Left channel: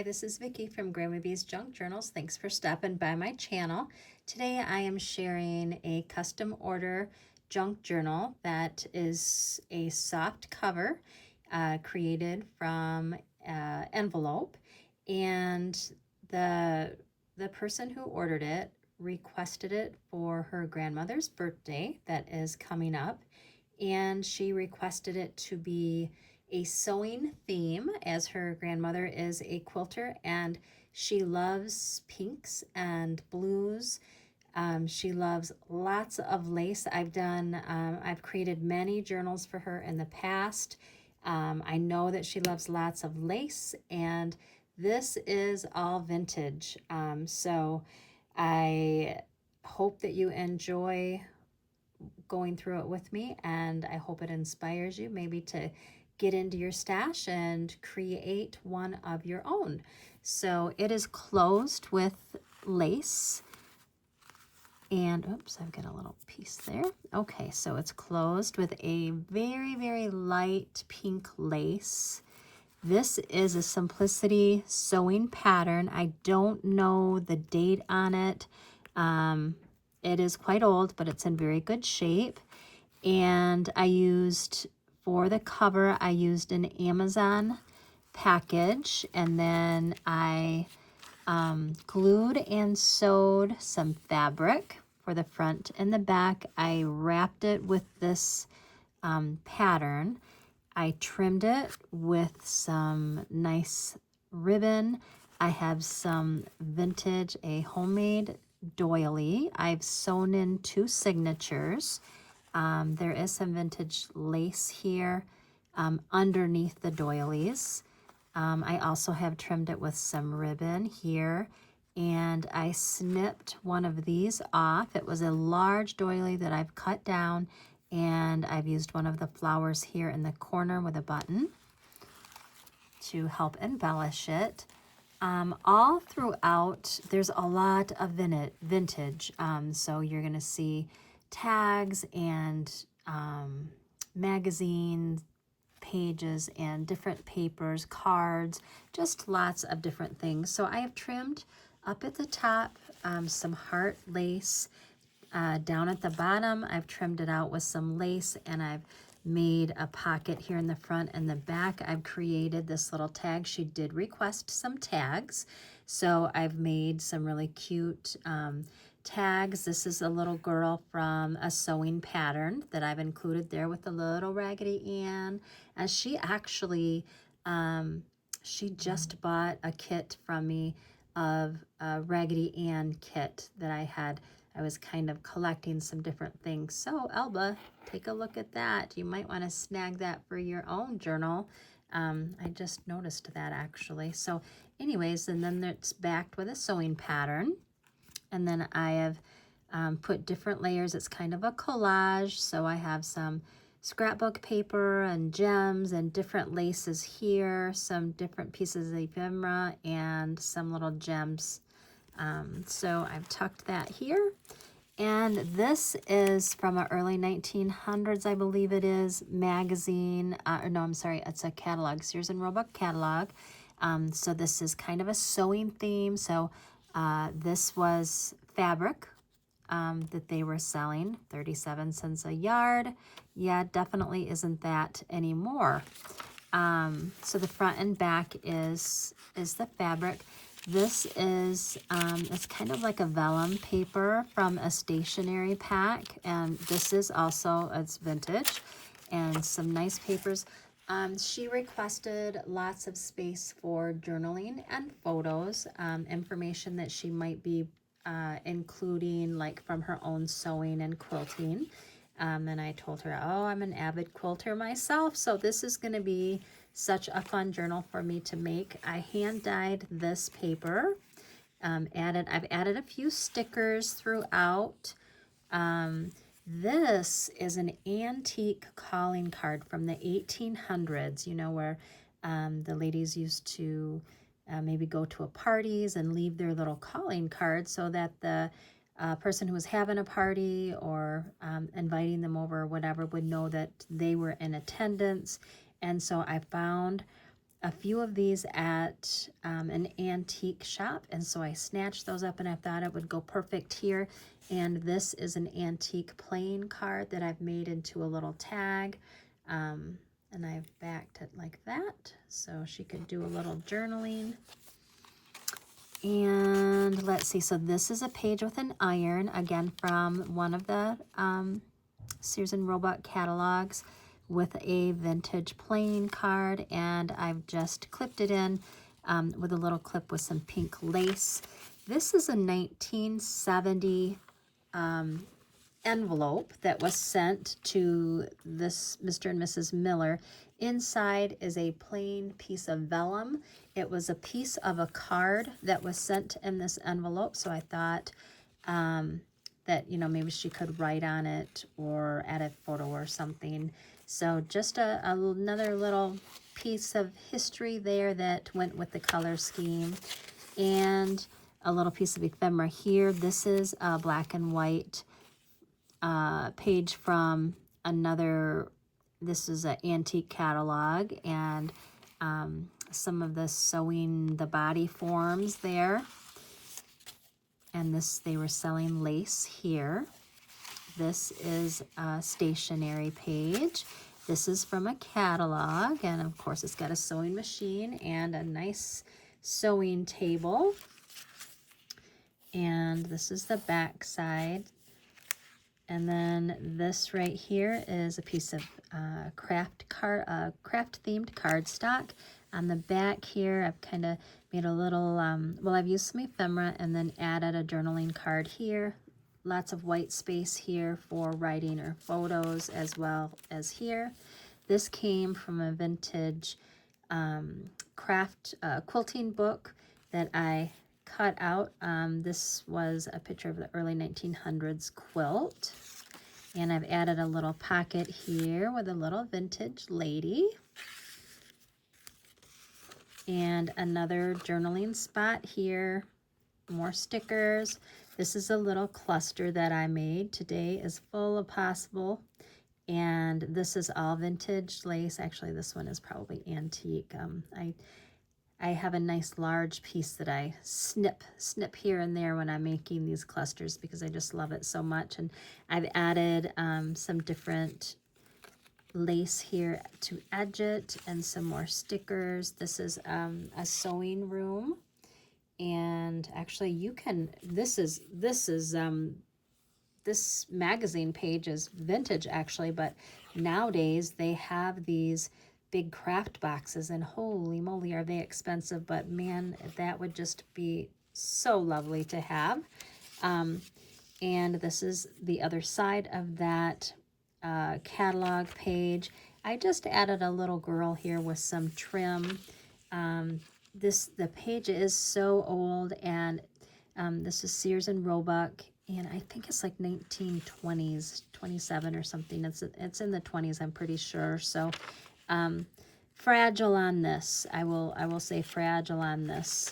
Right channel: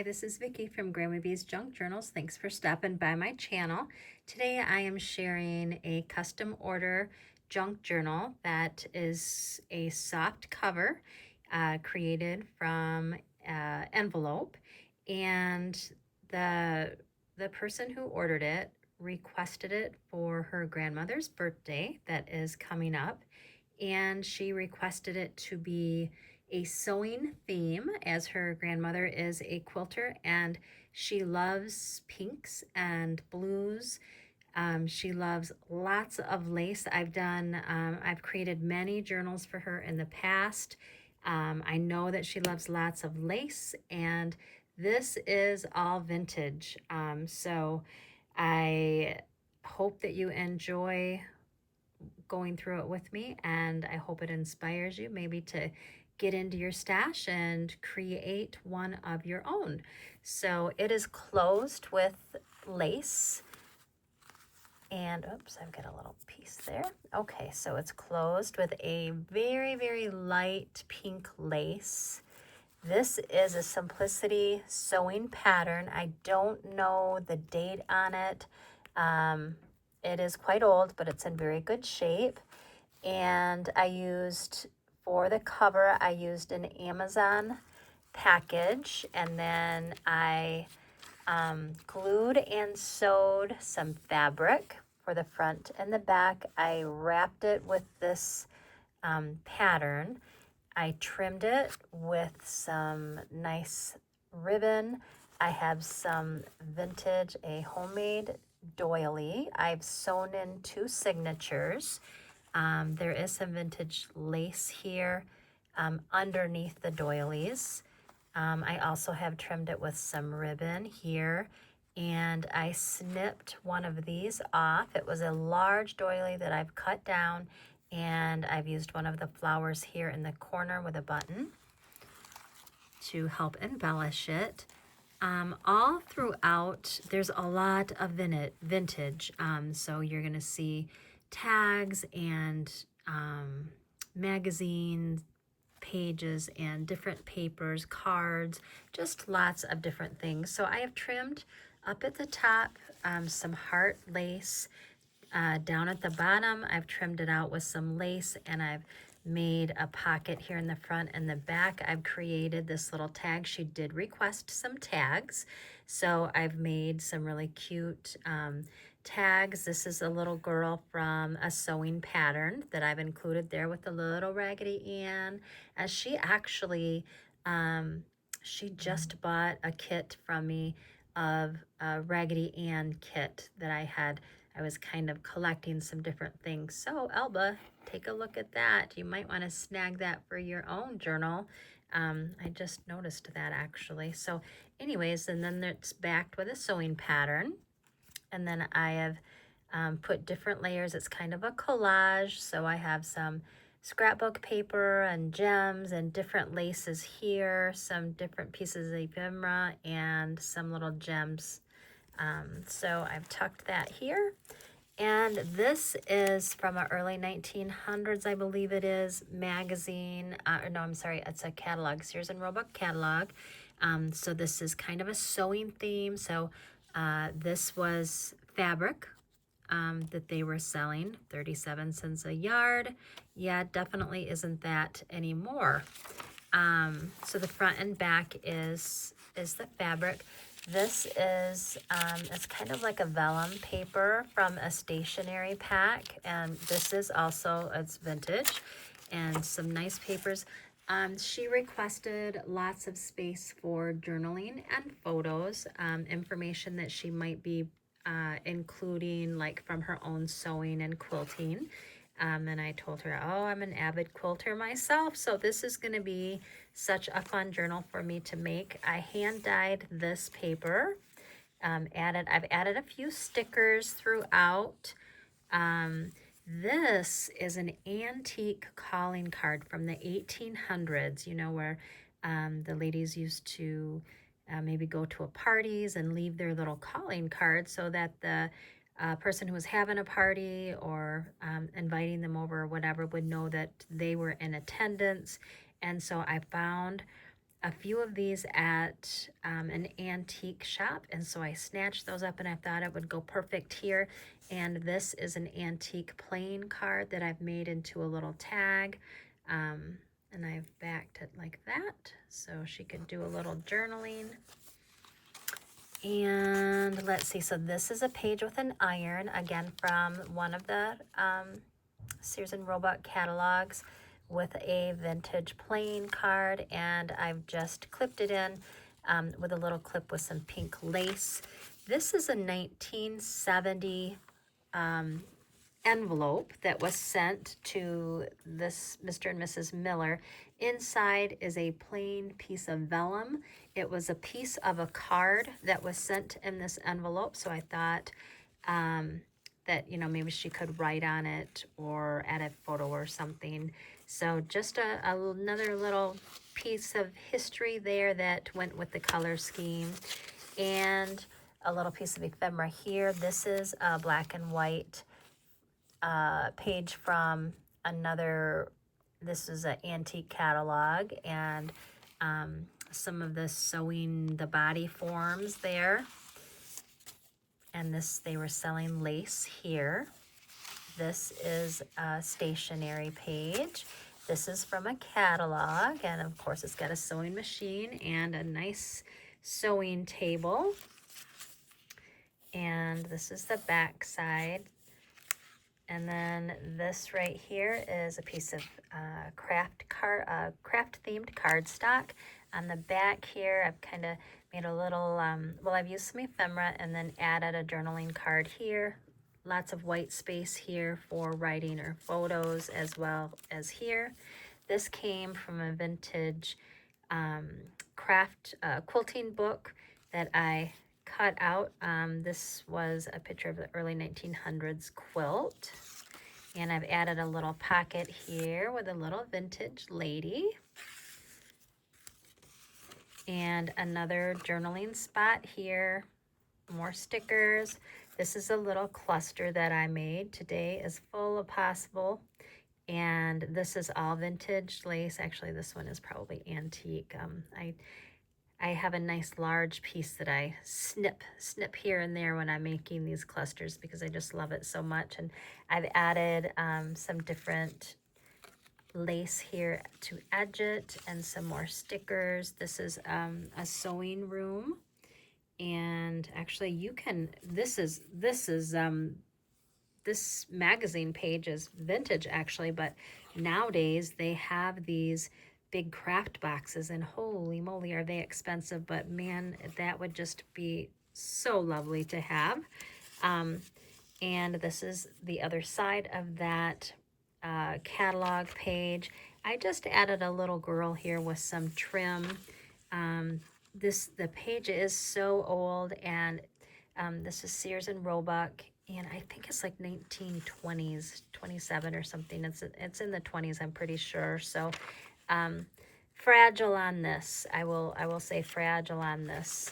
Hi, this is Vicki from Grandma B's Junk Journals. Thanks for stopping by my channel. Today I am sharing a custom order junk journal that is a soft cover created from envelope, and the person who ordered it requested it for her grandmother's birthday that is coming up, and she requested it to be a sewing theme, as her grandmother is a quilter and she loves pinks and blues. She loves lots of lace. I've created many journals for her in the past. I know that she loves lots of lace, and this is all vintage. So I hope that you enjoy going through it with me, and I hope it inspires you maybe to get into your stash and create one of your own. So it is closed with lace, and oops, I've got a little piece there. Okay, so it's closed with a very, very light pink lace. This is a Simplicity sewing pattern. I don't know the date on it. It is quite old, but it's in very good shape. And for the cover, I used an Amazon package, and then I glued and sewed some fabric for the front and the back. I wrapped it with this pattern. I trimmed it with some nice ribbon. I have some vintage, a homemade doily. I've sewn in 2 signatures. There is some vintage lace here underneath the doilies. I also have trimmed it with some ribbon here, and I snipped one of these off. It was a large doily that I've cut down, and I've used one of the flowers here in the corner with a button to help embellish it. All throughout, there's a lot of vintage. So you're going to see tags and magazine pages and different papers, cards, just lots of different things. So I have trimmed up at the top some heart lace. Down at the bottom, I've trimmed it out with some lace, and I've made a pocket here in the front and the back. I've created this little tag. She did request some tags, so I've made some really cute tags. This is a little girl from a sewing pattern that I've included there with the little Raggedy Ann. And she actually, she just bought a kit from me of a Raggedy Ann kit that I was kind of collecting some different things. So Elba, take a look at that. You might want to snag that for your own journal. I just noticed that actually. So anyways, and then it's backed with a sewing pattern. And then I have put different layers. It's kind of a collage. So I have some scrapbook paper and gems and different laces here, some different pieces of ephemera, and some little gems. So I've tucked that here. And this is from an early 1900s, I believe it is, magazine. No, I'm sorry, it's a catalog, Sears and Roebuck catalog. So this is kind of a sewing theme. So this was fabric that they were selling, 37 cents a yard. Yeah, definitely isn't that anymore. So the front and back is the fabric. This is it's kind of like a vellum paper from a stationery pack, and this is also, it's vintage, and some nice papers. She requested lots of space for journaling and photos, information that she might be including, like from her own sewing and quilting. And I told her, oh, I'm an avid quilter myself, so this is going to be such a fun journal for me to make. I hand dyed this paper. I've added a few stickers throughout. This is an antique calling card from the 1800s, you know, where the ladies used to maybe go to a parties and leave their little calling card so that the person who was having a party or inviting them over or whatever would know that they were in attendance. And so I found a few of these at an antique shop, and so I snatched those up and I thought it would go perfect here. And this is an antique playing card that I've made into a little tag, and I've backed it like that so she could do a little journaling. And let's see, so this is a page with an iron, again from one of the Sears and Roebuck catalogs, with a vintage playing card, and I've just clipped it in with a little clip with some pink lace. This is a 1970 envelope that was sent to this Mr. and Mrs. Miller. Inside is a plain piece of vellum. It was a piece of a card that was sent in this envelope, so I thought that, you know, maybe she could write on it or add a photo or something. So just another little piece of history there that went with the color scheme. And a little piece of ephemera here. This is a black and white page from another, this is an antique catalog, and some of the sewing the body forms there. And this, they were selling lace here. This is a stationery page. This is from a catalog, and of course it's got a sewing machine and a nice sewing table. And this is the back side. And then this right here is a piece of craft themed cardstock. On the back here, I've kind of made a little, well, I've used some ephemera and then added a journaling card here. Lots of white space here for writing or photos, as well as here. This came from a vintage craft quilting book that I cut out. This was a picture of the early 1900s quilt. And I've added a little pocket here with a little vintage lady. And another journaling spot here. More stickers. This is a little cluster that I made. Today is full of possible. And this is all vintage lace. Actually, this one is probably antique. I have a nice large piece that I snip here and there when I'm making these clusters because I just love it so much. And I've added some different lace here to edge it and some more stickers. This is a sewing room. And actually you can, this magazine page is vintage actually, but nowadays they have these big craft boxes, and holy moly are they expensive, but man, that would just be so lovely to have. And this is the other side of that catalog page. I just added a little girl here with some trim. The page is so old, and this is Sears and Roebuck, and I think it's like 1920s, 27 or something. It's in the 20s, I'm pretty sure. So fragile on this. I will say fragile on this.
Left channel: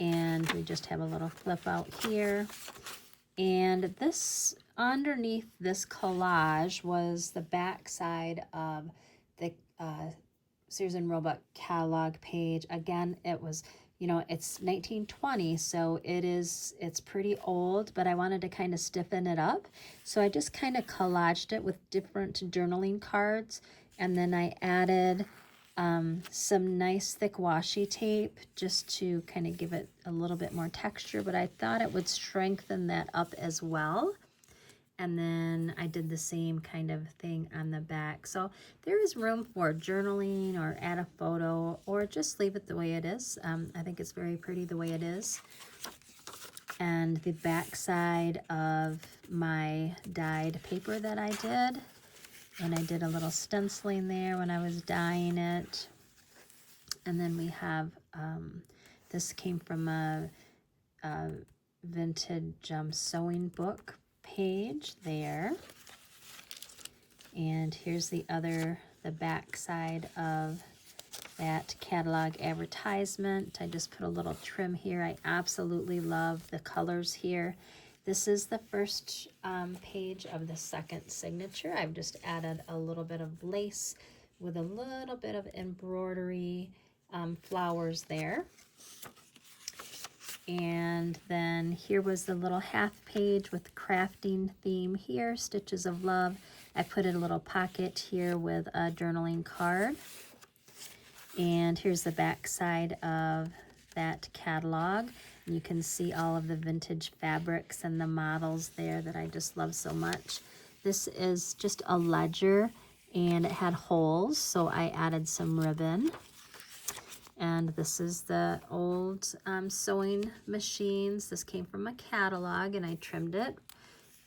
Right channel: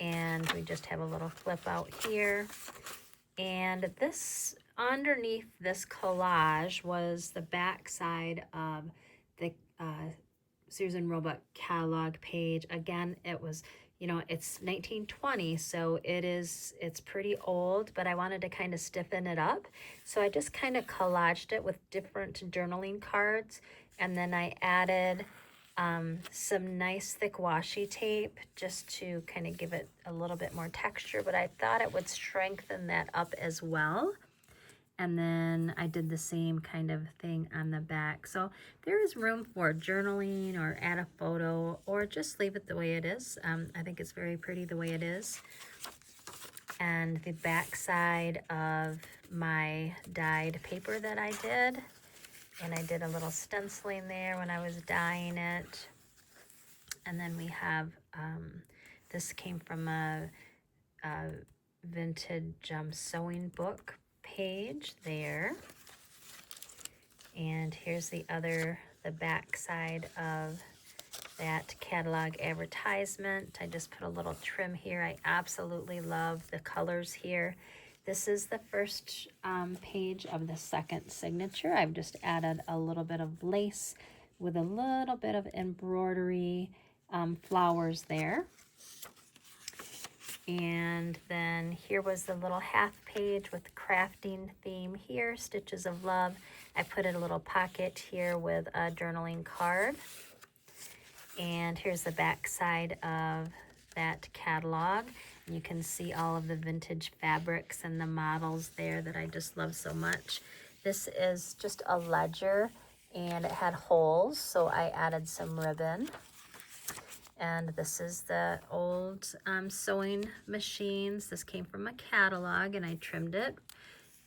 And we just have a little flip out here. And this, underneath this collage, was the back side of the Sears and Roebuck catalog page. Again, it was, you know, it's 1920, so it's pretty old, but I wanted to kind of stiffen it up. So I just kind of collaged it with different journaling cards, and then I added some nice thick washi tape just to kind of give it a little bit more texture, but I thought it would strengthen that up as well. And then I did the same kind of thing on the back. So there is room for journaling or add a photo or just leave it the way it is. I think it's very pretty the way it is. And the back side of my dyed paper that I did. And I did a little stenciling there when I was dyeing it. And then we have, this came from a vintage sewing book page there. And here's the back side of that catalog advertisement. I just put a little trim here. I absolutely love the colors here. This is the first page of the second signature. I've just added a little bit of lace with a little bit of embroidery flowers there. And then here was the little half page with crafting theme here, Stitches of Love. I put in a little pocket here with a journaling card. And here's the back side of that catalog. You can see all of the vintage fabrics and the models there that I just love so much. This is just a ledger, and it had holes, so I added some ribbon. And this is the old sewing machines. This came from a catalog, and I trimmed it.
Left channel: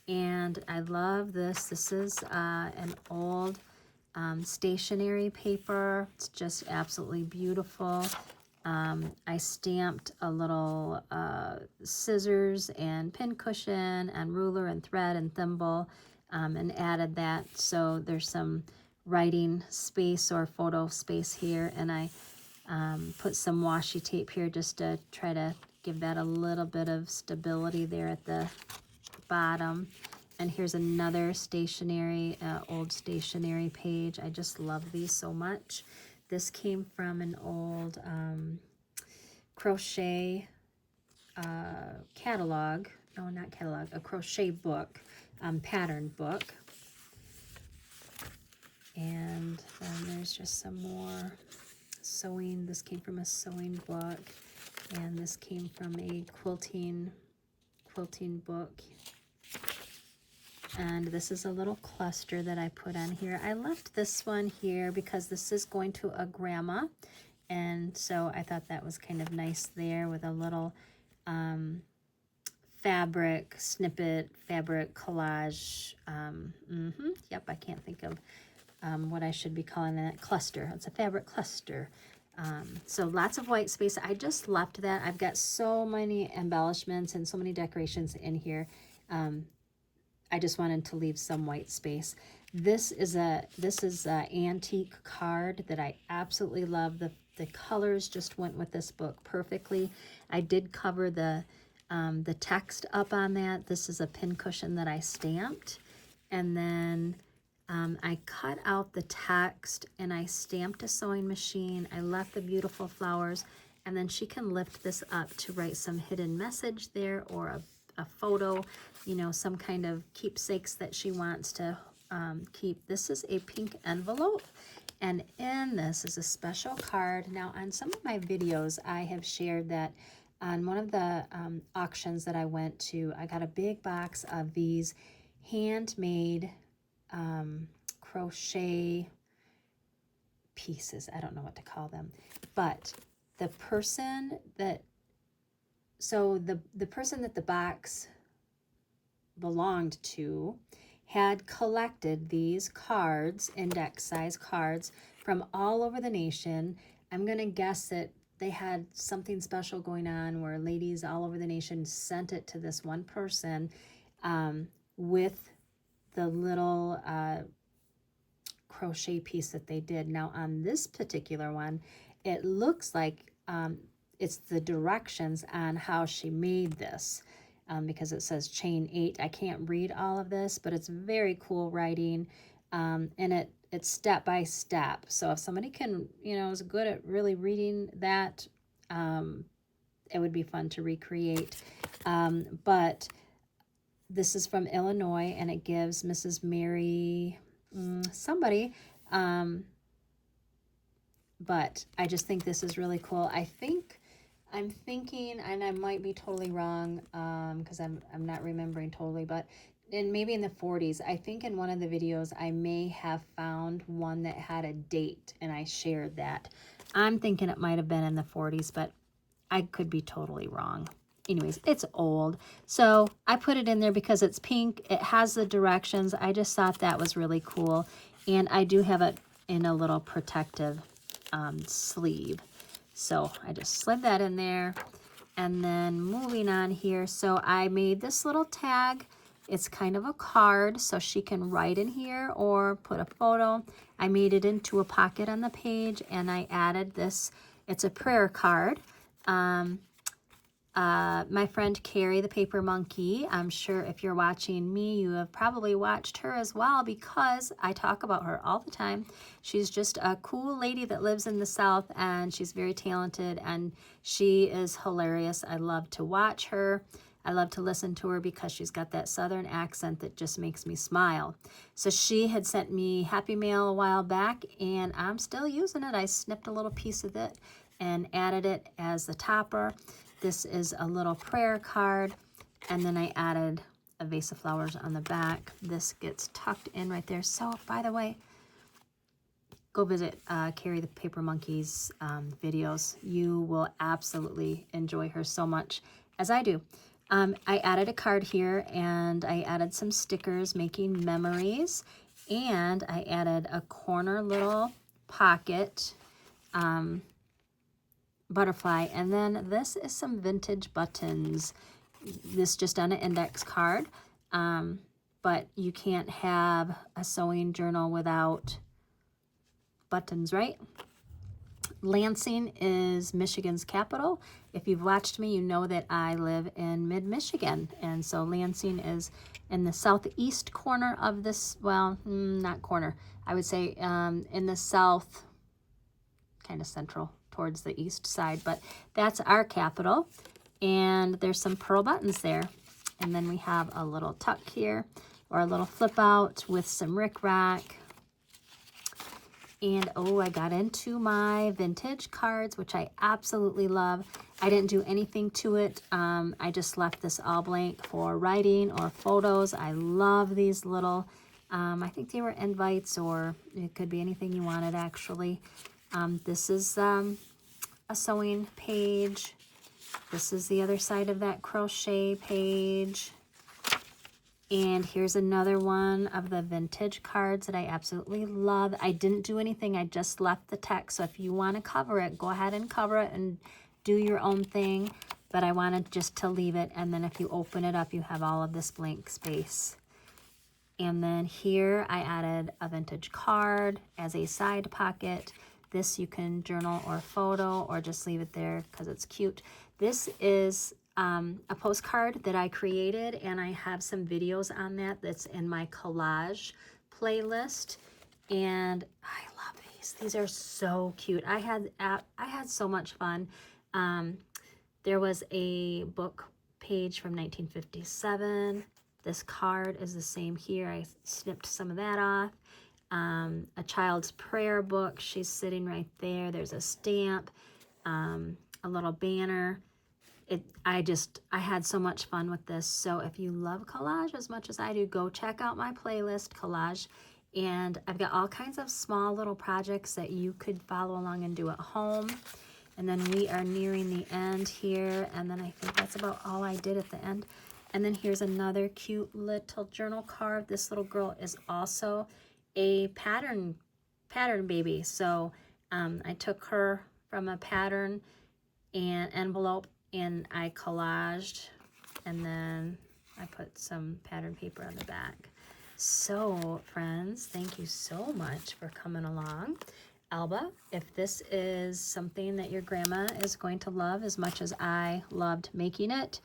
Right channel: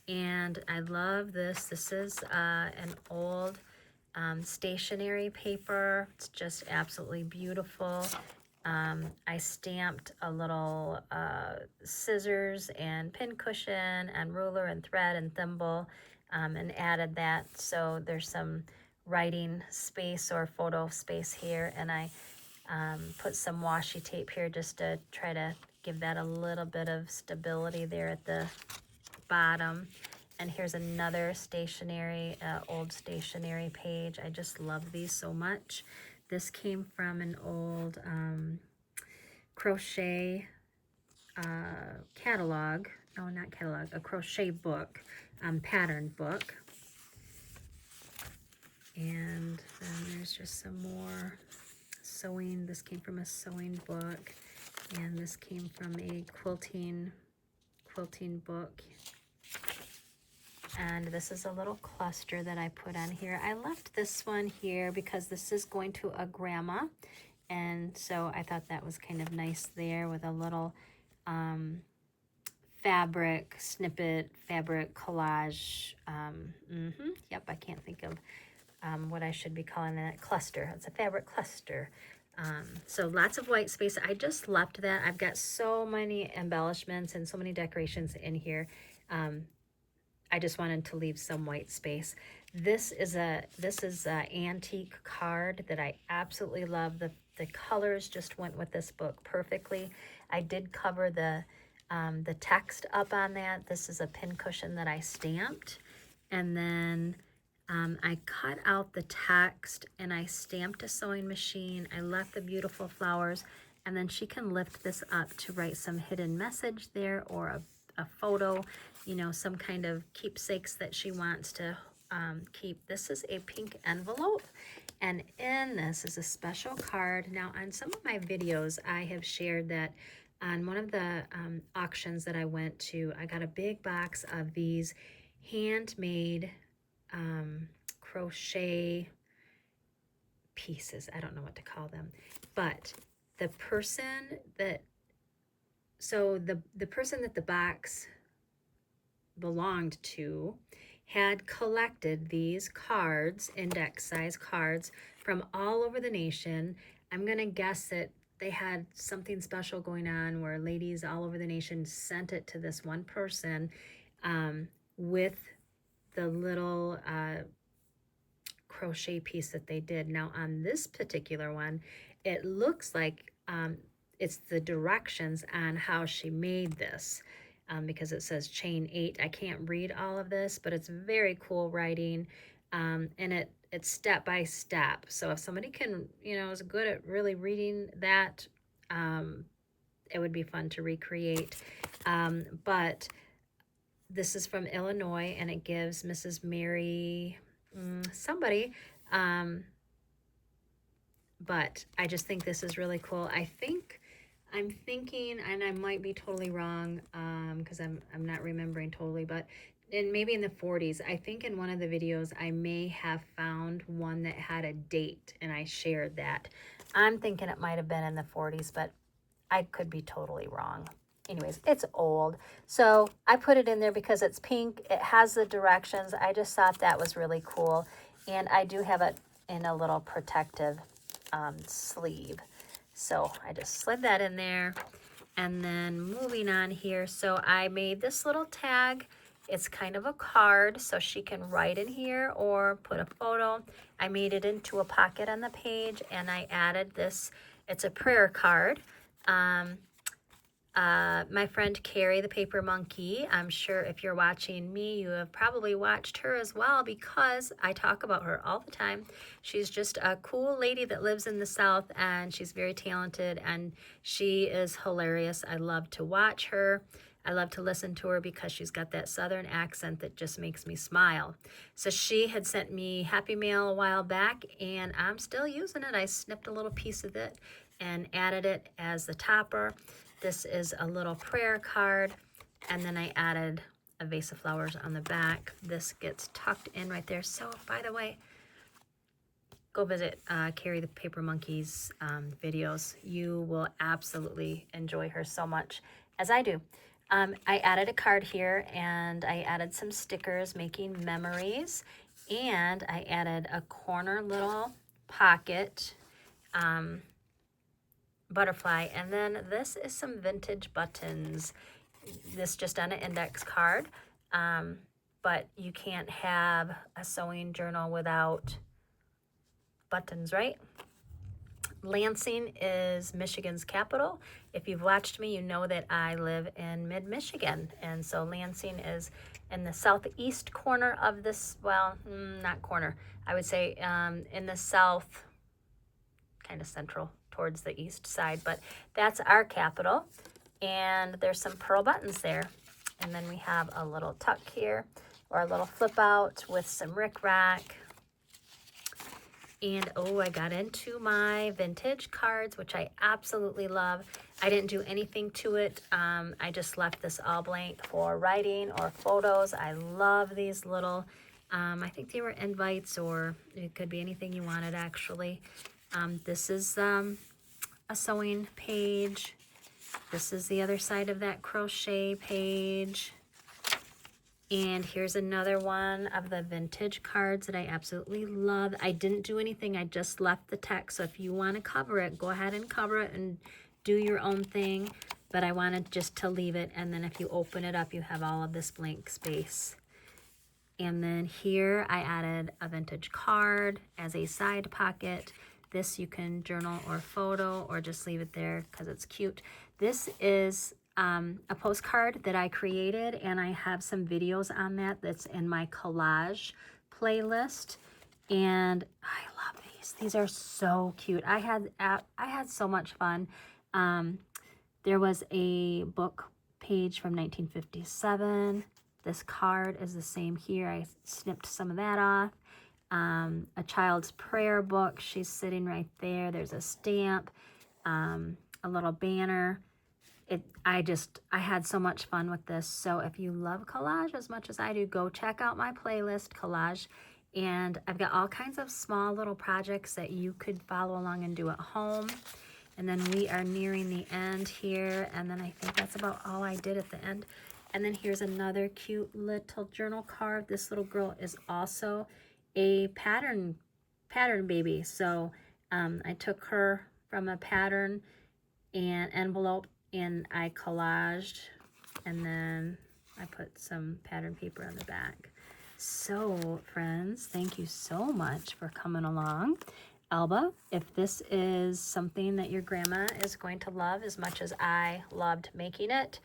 And I love this. This is an old stationery paper. It's just absolutely beautiful. I stamped a little scissors and pin cushion and ruler and thread and thimble, and added that so there's some writing space or photo space here. And I put some washi tape here just to try to give that a little bit of stability there at the bottom. And here's another stationery, old stationery page. I just love these so much. This came from an old crochet catalog. No, not catalog, a crochet book, pattern book. And then there's just some more sewing. This came from a sewing book, and this came from a quilting book. And this is a little cluster that I put on here. I left this one here because this is going to a grandma, and so I thought that was kind of nice there with a little fabric snippet, fabric collage. Yep, I can't think of what I should be calling it. Cluster. It's a fabric cluster. So lots of white space. I just left that. I've got so many embellishments and so many decorations in here. I just wanted to leave some white space. This is a antique card that I absolutely love. The colors just went with this book perfectly. I did cover the text up on that. This is a pincushion that I stamped, and then I cut out the text and I stamped a sewing machine. I left the beautiful flowers, and then she can lift this up to write some hidden message there, or a photo, you know, some kind of keepsakes that she wants to keep. This is a pink envelope, and in this is a special card. Now, on some of my videos, I have shared that on one of the auctions that I went to, I got a big box of these handmade crochet pieces. I don't know what to call them, but the person that the person that the box belonged to had collected these cards, index size cards, from all over the nation. I'm gonna guess that they had something special going on where ladies all over the nation sent it to this one person with the little crochet piece that they did. Now on this particular one, it looks like it's the directions on how she made this, because it says chain 8. I can't read all of this, but it's very cool writing, and it's step by step. So if somebody can, you know, is good at really reading that, it would be fun to recreate. But this is from Illinois, and it gives Mrs. Mary somebody, but I just think this is really cool. I'm thinking, and I might be totally wrong, because I'm not remembering totally, but maybe in the 40s. I think in one of the videos I may have found one that had a date, and I shared that. I'm thinking it might have been in the 40s, but I could be totally wrong. Anyways, it's old, so I put it in there because it's pink. It has the directions. I just thought that was really cool, and I do have it in a little protective sleeve. So I just slid that in there. And then moving on here, so I made this little tag. It's kind of a card, so she can write in here or put a photo. I made it into a pocket on the page, and I added this. It's a prayer card. my friend Carrie the Paper Monkey. I'm sure if you're watching me, you have probably watched her as well because I talk about her all the time. She's just a cool lady that lives in the South, and she's very talented, and she is hilarious. I love to watch her. I love to listen to her because she's got that Southern accent that just makes me smile. So she had sent me Happy Mail a while back, and I'm still using it. I snipped a little piece of it and added it as the topper. This is a little prayer card, and then I added a vase of flowers on the back. This gets tucked in right there. So, by the way, go visit Carrie the Paper Monkey's videos. You will absolutely enjoy her so much, as I do. I added a card here, and I added some stickers, making memories, and I added a corner little pocket butterfly, and then this is some vintage buttons. This just on an index card, but you can't have a sewing journal without buttons, right? Lansing is Michigan's capital. If you've watched me, you know that I live in mid-Michigan, and so Lansing is in the southeast corner of this, well, not corner, I would say in the south, kind of central towards the east side, but that's our capital. And there's some pearl buttons there. And then we have a little tuck here, or a little flip out with some rickrack. And oh, I got into my vintage cards, which I absolutely love. I didn't do anything to it. I just left this all blank for writing or photos. I love these little, I think they were invites, or it could be anything you wanted actually. This is a sewing page. This is the other side of that crochet page. And here's another one of the vintage cards that I absolutely love. I didn't do anything, I just left the text. So if you want to cover it, go ahead and cover it and do your own thing. But I wanted just to leave it, and then if you open it up, you have all of this blank space. And then here I added a vintage card as a side pocket. This you can journal or photo, or just leave it there because it's cute. This is a postcard that I created, and I have some videos on that that's in my collage playlist. And I love these. These are so cute. I had so much fun. There was a book page from 1957. This card is the same here. I snipped some of that off. A child's prayer book. She's sitting right there. There's a stamp, a little banner. I had so much fun with this. So if you love collage as much as I do, go check out my playlist, collage. And I've got all kinds of small little projects that you could follow along and do at home. And then we are nearing the end here. And then I think that's about all I did at the end. And then here's another cute little journal card. This little girl is also a pattern baby. So I took her from a pattern and envelope, and I collaged, and then I put some pattern paper on the back. So friends, thank you so much for coming along. Elba, if this is something that your grandma is going to love as much as I loved making it,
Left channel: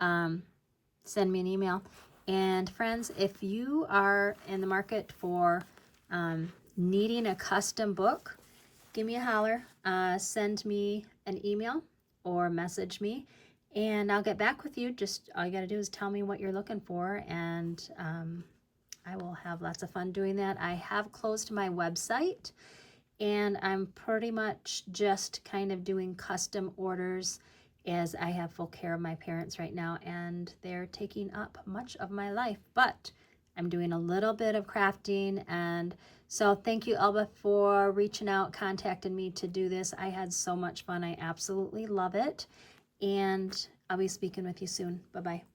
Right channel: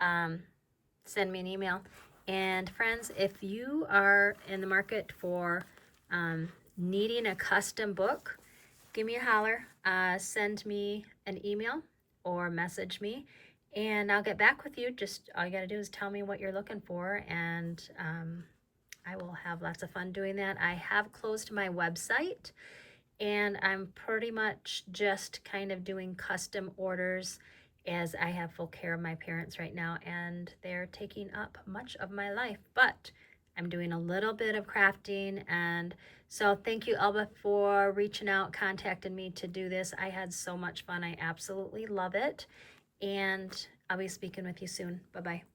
send me an email. And friends, if you are in the market for needing a custom book, give me a holler. Send me an email or message me, and I'll get back with you. Just all you got to do is tell me what you're looking for, and I will have lots of fun doing that. I have closed my website, and I'm pretty much just kind of doing custom orders, as I have full care of my parents right now, and they're taking up much of my life. But I'm doing a little bit of crafting, and so thank you, Elba, for reaching out, contacting me to do this. I had so much fun. I absolutely love it, and I'll be speaking with you soon. Bye-bye.